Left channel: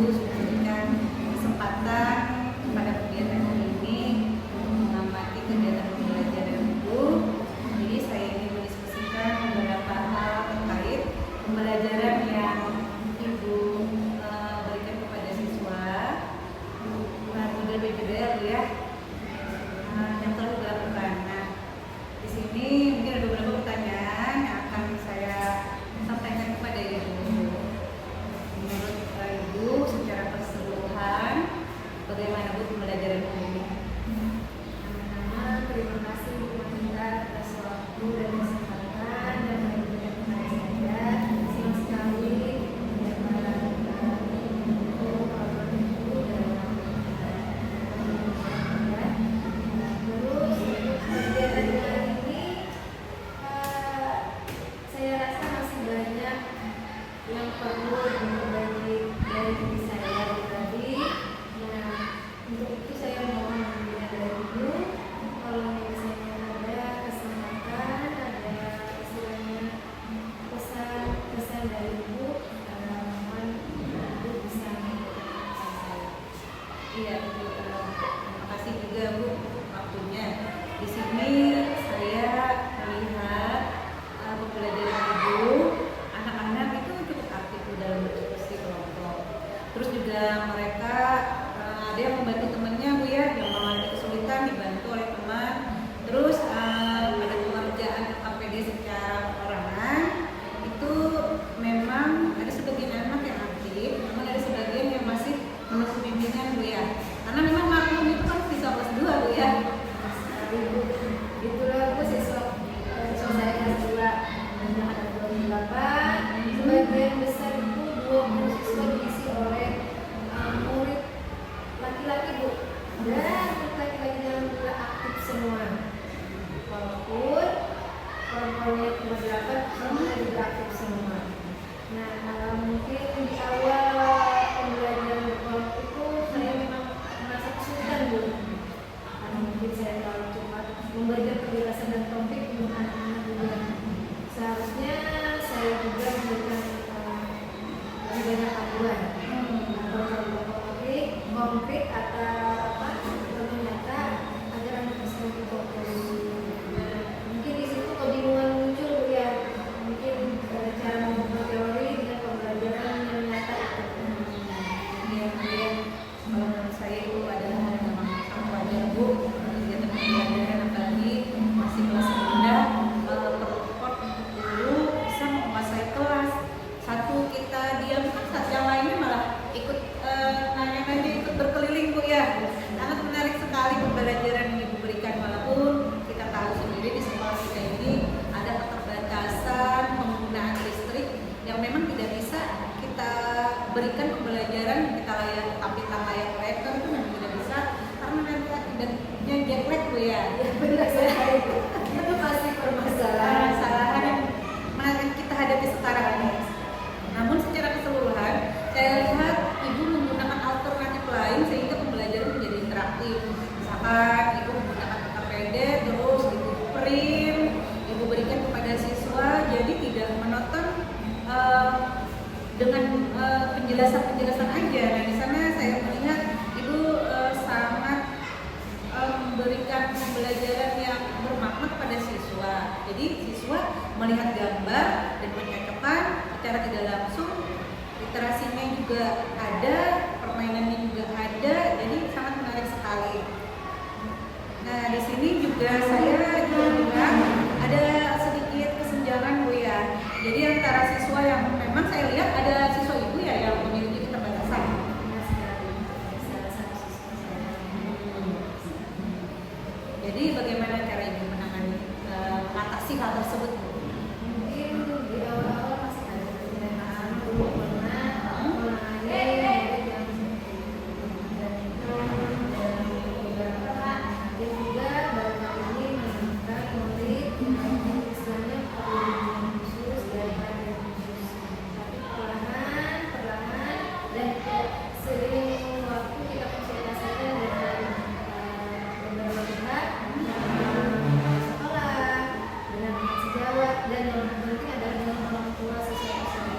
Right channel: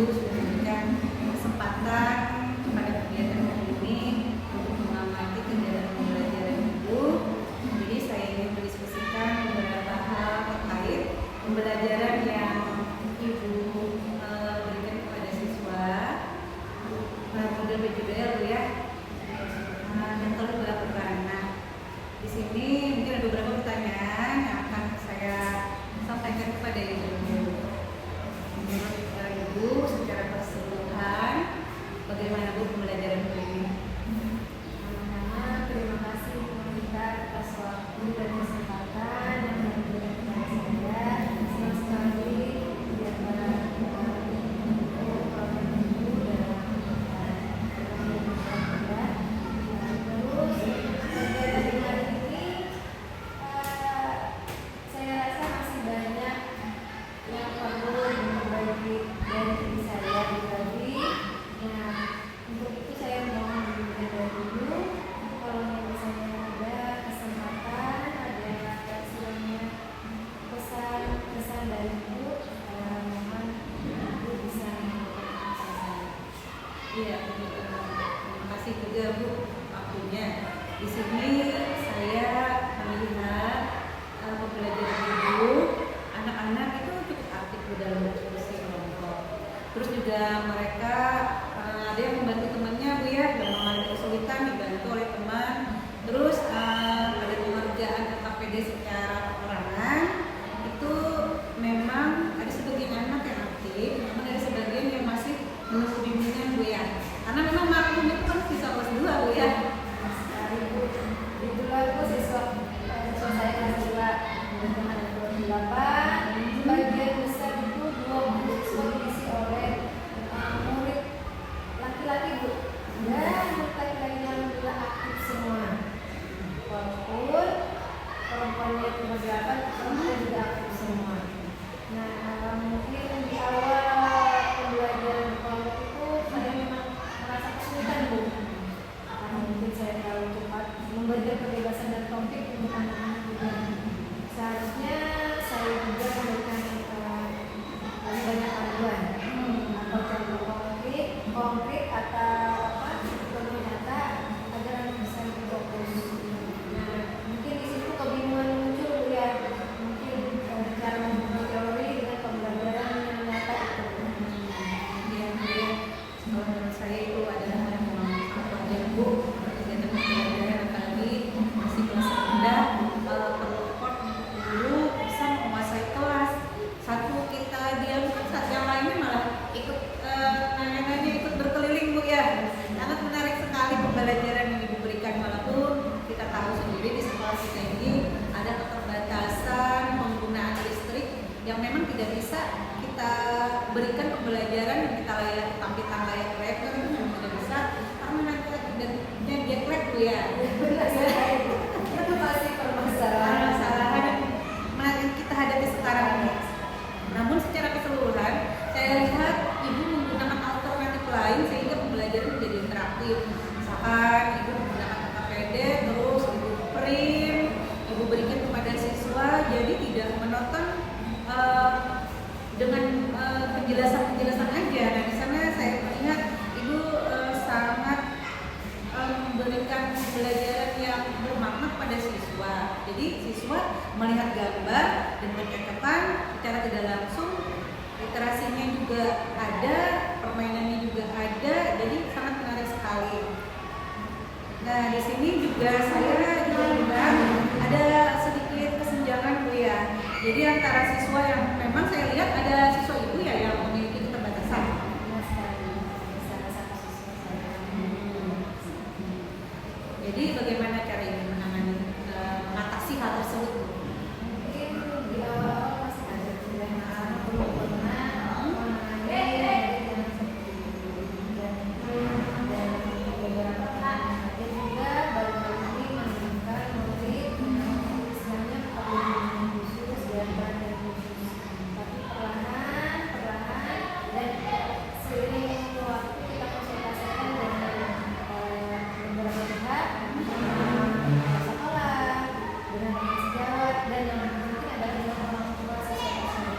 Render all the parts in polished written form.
Ibu sudah memberikan kesempatan pada kegiatan hari ini untuk mengamati kegiatan pembelajaran Ibu. Jadi saya ingin mendiskusikan beberapa hal terkait pembelajaran yang Ibu berikan kepada siswa. Model BJBL Bu ya, yang telah Ibu lakukan. Nah, di sini mungkin ada beberapa pertanyaan yang akan saya sampaikan kepada Ibu. Menurut Ibu secara keseluruhan, bagaimana Bu pembelajaran hari ini? Pertama-tama terima kasih Bu Wanita atas waktu dan kesempatan yang diberikan kepada saya. Senang sekali dapat yang perlu berbagi dari diri saya pribadi. Nah, untuk itu saya mohon dukungan dari Ibu. Kalau misalnya ada kesempatan, ada istilahnya pesan dari Ibu, mohon Ibu bisa mengikuti saya. Iya, Bu. Terima kasih juga Bu waktunya. Di sini saya melihat pembelajaran Ibu. Anak-anak itu cukup aktif dalam berdiskusi kelompok. Terus juga mereka ada yang membantu temannya Bu ya, yang mengalami kesulitan dibantu oleh teman. Terus pada pengerjaan LKPD secara perorangan itu memang ada sebagian anak yang aktif, namun ada sebagian yang masih menunggu bimbingan Bu ya. Karena memang maklum itu kan siswa kelas 2 Bu ya. Sekali Bu, itulah Bu siswa saya kelas 2 dan 28. Sebagian besar itu 20 siswa diisi oleh murid laki-laki Bu, dan murid laki-laki yang sudah aktif semua. Walaupun perempuannya cuma 8, perempuan juga aktif semua. Nah, mungkin di awal pembelajaran berkelompok itu saya memang merasa kesulitan Bu, karena mungkin saya terlalu cepat memberikan penjelasan dan topik untuk anak-anak juga. Seharusnya saya juga memberikan lebih banyak panduan atau konkret atau lebih nyata agar anak bisa lebih fokus. Nah, mungkin di situ kebingungan muncul Bu ya, mungkin dari cara membuat teori dengan pembelajaran yang nyata itu. Yang kalau menurut saya itu adalah hal yang memang sangat wajar Bu, kegiatan pembelajaran apalagi masih kelas rendah perlu effort untuk dulu bisa menguasai kelas. Satu kita diamkan, saat yang lainnya malah ikut nanya-nanya, ikut berkeliling Bu ya. Sangat menarik sekali pembelajaran yang Ibu berikan, walaupun kita tahu sendiri di sekolah kita ini ada keterbatasan penggunaan listrik yang memang tidak bisa kita berikan pembelajaran yang kita tampilkan layar proyektor itu memang tidak bisa karena nanti akibatnya jet lag Bu ya. Itu pasti permasalahan yang kita hadapi sekarang ini. Namun secara keseluruhan saya lihat Ibu menggunakan alternatif lain sehingga pembelajaran menjadi interaktif. Misalkan Ibu menggunakan LKPD, terus Ibu print, Ibu berikan kepada siswa, jadi tidak menonton dengan penjelasan aja. Nah, di sana saya melihat Ibu sangat memberikan pembelajaran yang bermakna pada siswa. Jadi siswa melihat gambar dan mencocokkan secara tidak langsung, literasinya juga ada, permainannya juga ada, jadi sangat menarik sekali. Nah, di sini juga saya juga melihat ada sedikit kesenjangan Bu ya. Jadi antara siswa yang memang saya lihat ada siswa Ibu ya yang memiliki keterbatasan. Jadi bagaimana cara Ibu mengatasi hal tersebut Bu? Mungkin di awal-awal masih ada penerimaan, belum pernah menangani murid yang seperti itu. Dan beberapa ada juga baru-baru ini menemukan murid yang istilahnya perlu bimbingan khusus dan dari khusus. Tapi perlahan dan seiring waktu kita konsultasikan dengan beberapa pihak, sekolah, dengan teman sejawat, dan yang penting adalah dengan orang tua siswa tersebut.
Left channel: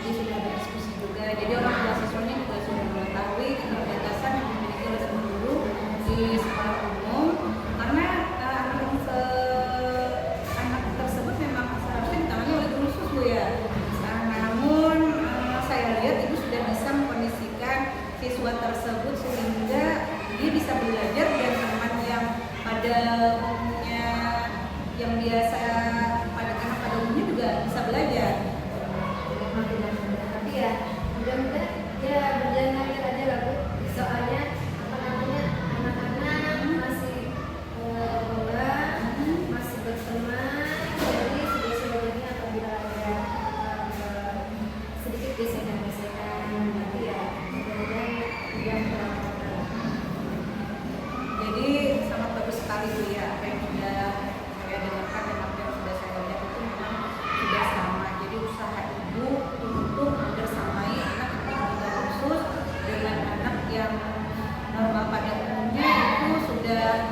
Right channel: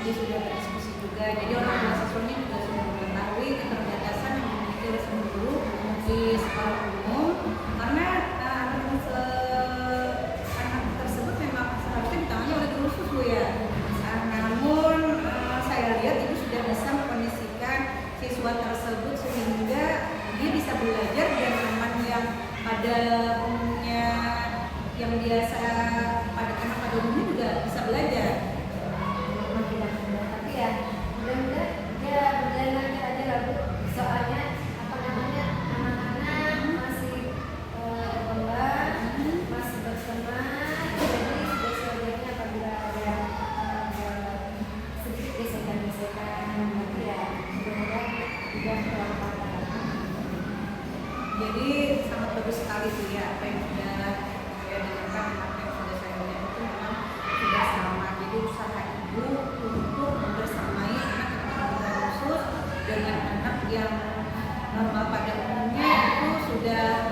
Jadi sudah diskusi juga. Jadi orang tua siswanya juga sudah mengetahui keterbatasan yang dimiliki oleh seluruh guru di sekolah umum, karena anak tersebut memang seharusnya ditangani oleh guru khusus Bu ya. Namun saya lihat Ibu sudah bisa mengkondisikan siswa tersebut sehingga dia bisa belajar dan teman yang pada umumnya yang biasa pada anak pada umumnya juga bisa belajar. Tapi ya mudah-mudahan ya berjalan lancar aja lah Bu. Soalnya apa namanya anak-anak masih berkembang, masih bersemangat, jadi sudah sebenarnya apabila ada sedikit gesekan-gesekan, tapi ya mudah-mudahan tidak terlalu. Jadi sangat bagus sekali Bu ya, apa yang sudah saya dengarkan dan apa yang sudah saya lihat itu memang sudah sama. Jadi usaha Ibu untuk membersamai anak yang berkebutuhan khusus dengan anak yang normal pada umumnya itu sudah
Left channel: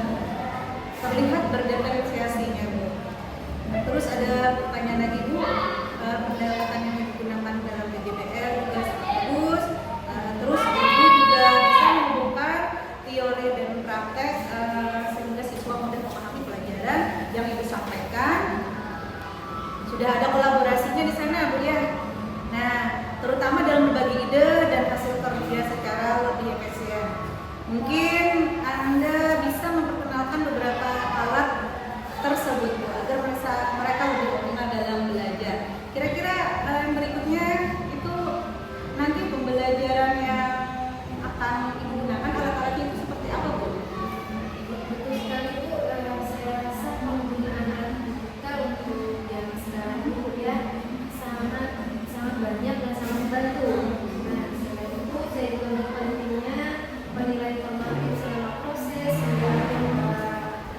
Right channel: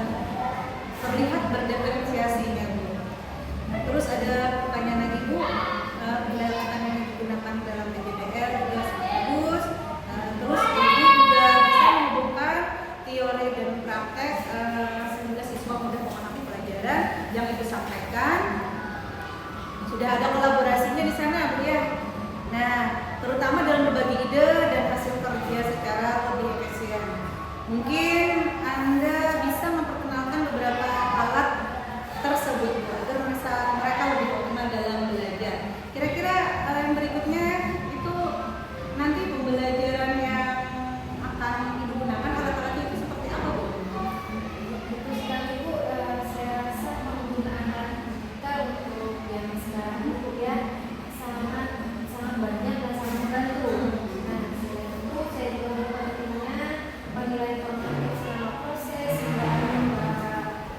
terlihat berdiferensiasinya Bu. Nah, terus ada pertanyaan lagi Bu, pendekatan yang digunakan dalam PJBL juga sangat bagus. Terus Ibu juga bisa menghubungkan teori dan praktek sehingga siswa mudah memahami pelajaran yang Ibu sampaikan. Sudah ada kolaborasinya di sana Bu ya. Nah, terutama dalam berbagi ide dan hasil kerja secara lebih efisien. Mungkin Anda bisa memperkenalkan beberapa alat tersebut Bu agar mereka lebih optimal dalam belajar. Kira-kira yang berikutnya itu nanti pembelajaran yang akan Ibu gunakan alat-alatnya itu seperti apa Bu? Betul sekali Bu, saya rasa penggunaan alat kita untuk yang sekarang Bu ya sangat banyak dan sangat membantu. Nah, selain itu saya juga mempentingnya penilaian formatif selama proses hingga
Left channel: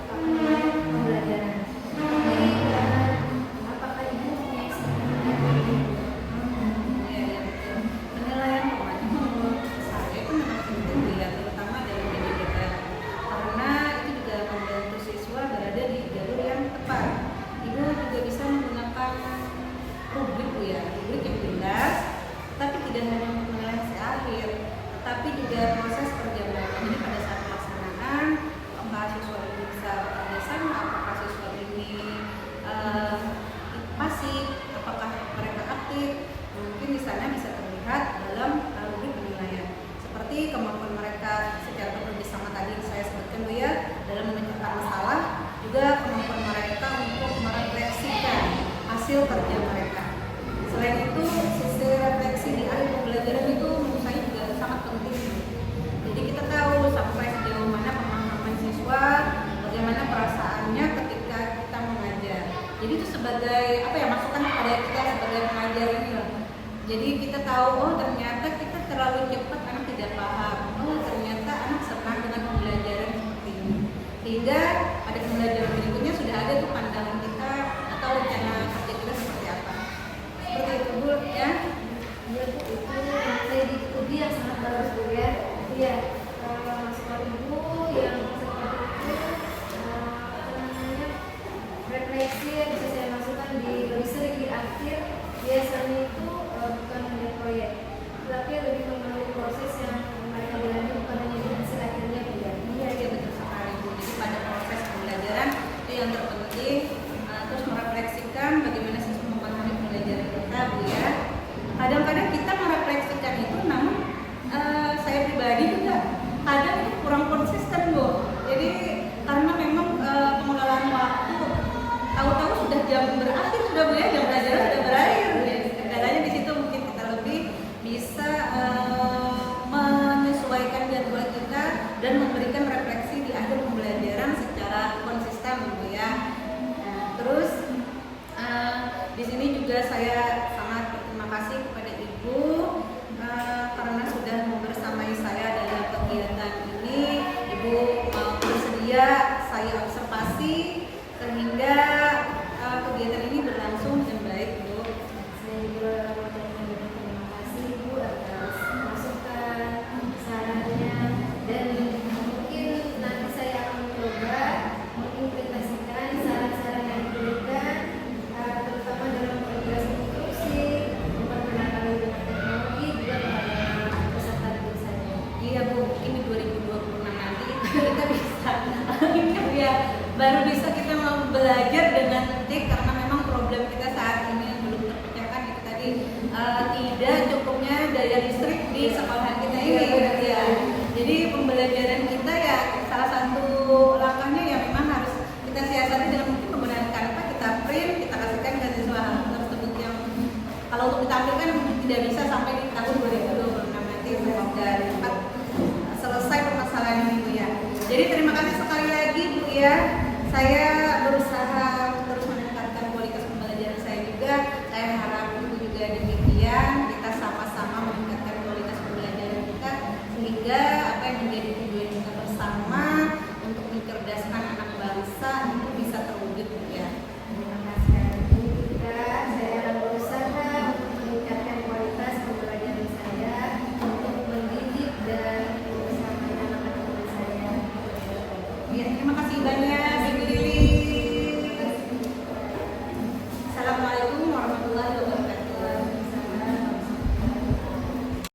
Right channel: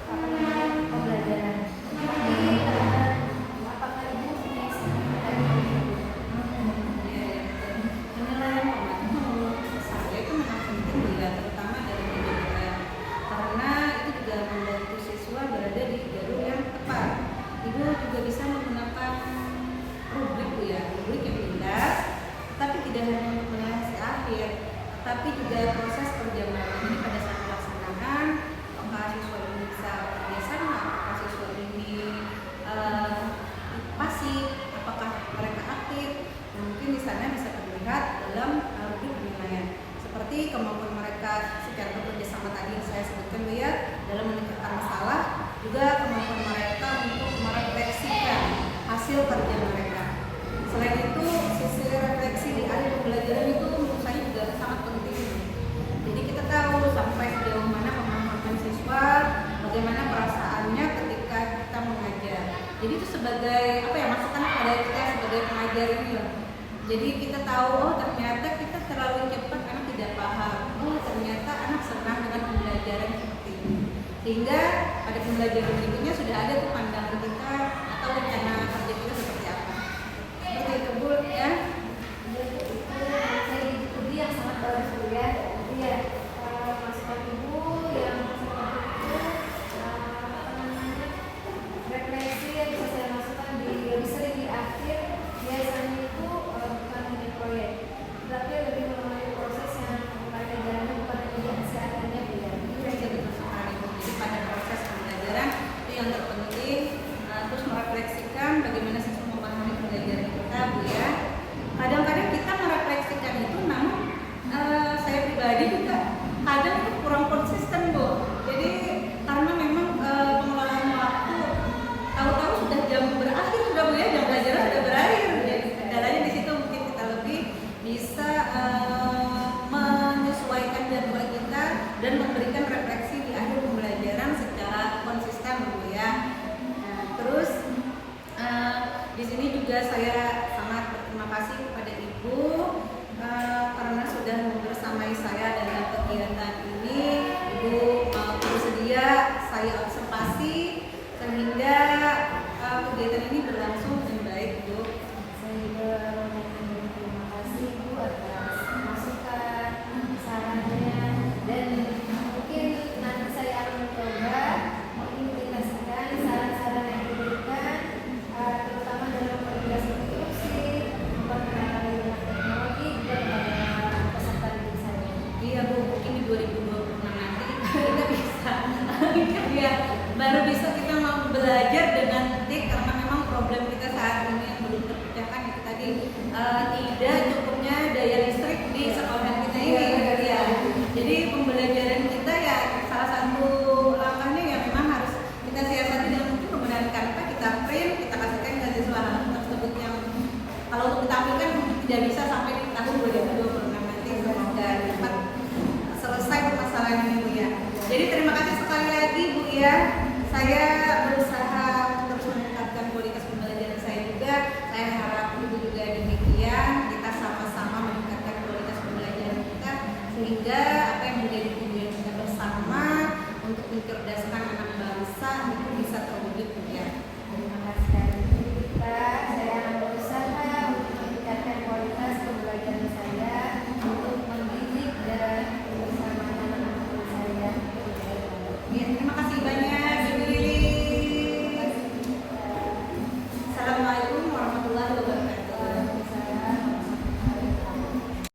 akhir pembelajaran. Tapi apakah Ibu bisa Iya betul. Penilaian formatif menurut saya itu memang penting Bu ya, terutama dalam PJBL karena itu juga membantu siswa berada di jalur yang tepat. Ibu juga bisa menggunakan rubrik Bu ya, rubrik yang jelas, tetapi tidak hanya untuk menilai hasil akhir, tetapi juga proses perjalanannya. Jadi pada saat pelaksanaan, apakah siswa ini bisa bekerja sama, apakah siswa ini pasif, apakah mereka aktif. Nah, mungkin di sana bisa terlihat dalam rubrik penilaian. Seperti kemampuan mereka secara bekerjasama tadi yang saya sebutkan Bu ya, dalam memecahkan masalah, juga kemampuan mereka untuk merefleksikan hasil kerja mereka. Selain itu, sisi refleksi di akhir pembelajaran itu menurut saya juga sangat penting. Jadi kita tahu sampai sejauh mana pemahaman siswa, bagaimana perasaannya ketika kita mengajar. Jadi itu sebagai masukan kepada kita sebagai pengajar ini loh. Jadi kita tahu, oh ternyata kita terlalu cepat, anak tidak paham. Oh ternyata anak senang dengan pembelajaran seperti ini. Sehingga pada pembelajaran berikutnya sudah ada tuh pandangan kita atau rencana kerja kita seperti apa. Seperti itu Bu ya. Iya Bu, itu strategi yang sangat bagus Bu ya. Iya, masukan Ibu yang seperti itu refleksi yang bisa saya masukkan di lebih sering di akhir biasanya itu bukan hanya proyek, tapi lebih memiliki proses yang mereka jalani bukan hanya di hasil akhirnya Bu ya. Iya betul sekali Bu. Jadi pada proses pembelajaran itu yang terpenting, terus merefleksikan bagaimana siswa memahami pembelajaran kita Bu ya. Kadang-kadang kita merefleksikan itu, namun saya pribadi juga kadang tuh kurang konsisten Bu. Jadi karena memang pengelolaan waktu, tahu-tahu sudah jam berakhir sudah Bu ya, jam pelajaran sudah berakhir. Jadi kendalanya di situ mungkin kita lebih bisa menyesuaikan jadwal kita dan memberikan refleksi di akhir pembelajaran secara konsisten Bu ya. Nah, terus di sini juga saya sangat berterima kasih kepada Ibu karena sudah membersamai saya dalam kegiatan ini. Ibu bersedia saya observasi sehingga kegiatan ini berlangsung dengan baik Bu. Saya juga terima kasih Bu atas masukan, sarannya, dan mungkin nanti saya akan mencoba mengimplementasikan saran-saran yang diberikan, terutama dalam memperjelas instruksi, memperkenalkan menggunakan teknologi baru bisa kita mau belajar dengan TIK, karena memang problem kita saat ini yang belum terpecahkan itu tadi tidak cukupnya daya listrik di sekolahan kita ini ya. Jadi pembelajaran kita ya salah satu langkahnya ya memang harus kita siasati dengan mungkin menggunakan Canva, kita print, kita kasihkan ke siswa hal tersebut yang kalau untuk ditampilkan tidak bisa sampai di tahun 2026 nanti. Semoga cepat selesai permasalahan ini Bu ya. Jadi terima kasih sekali lagi Bu ya. Saya berusaha terus meningkatkan kualitas pembelajaran saya juga. Saya harap Ibu juga demikian. Kita sama-sama meningkatkan kualitas pembelajaran kita sehingga apa yang menjadi tujuan kita bersama untuk mencerdaskan anak bangsa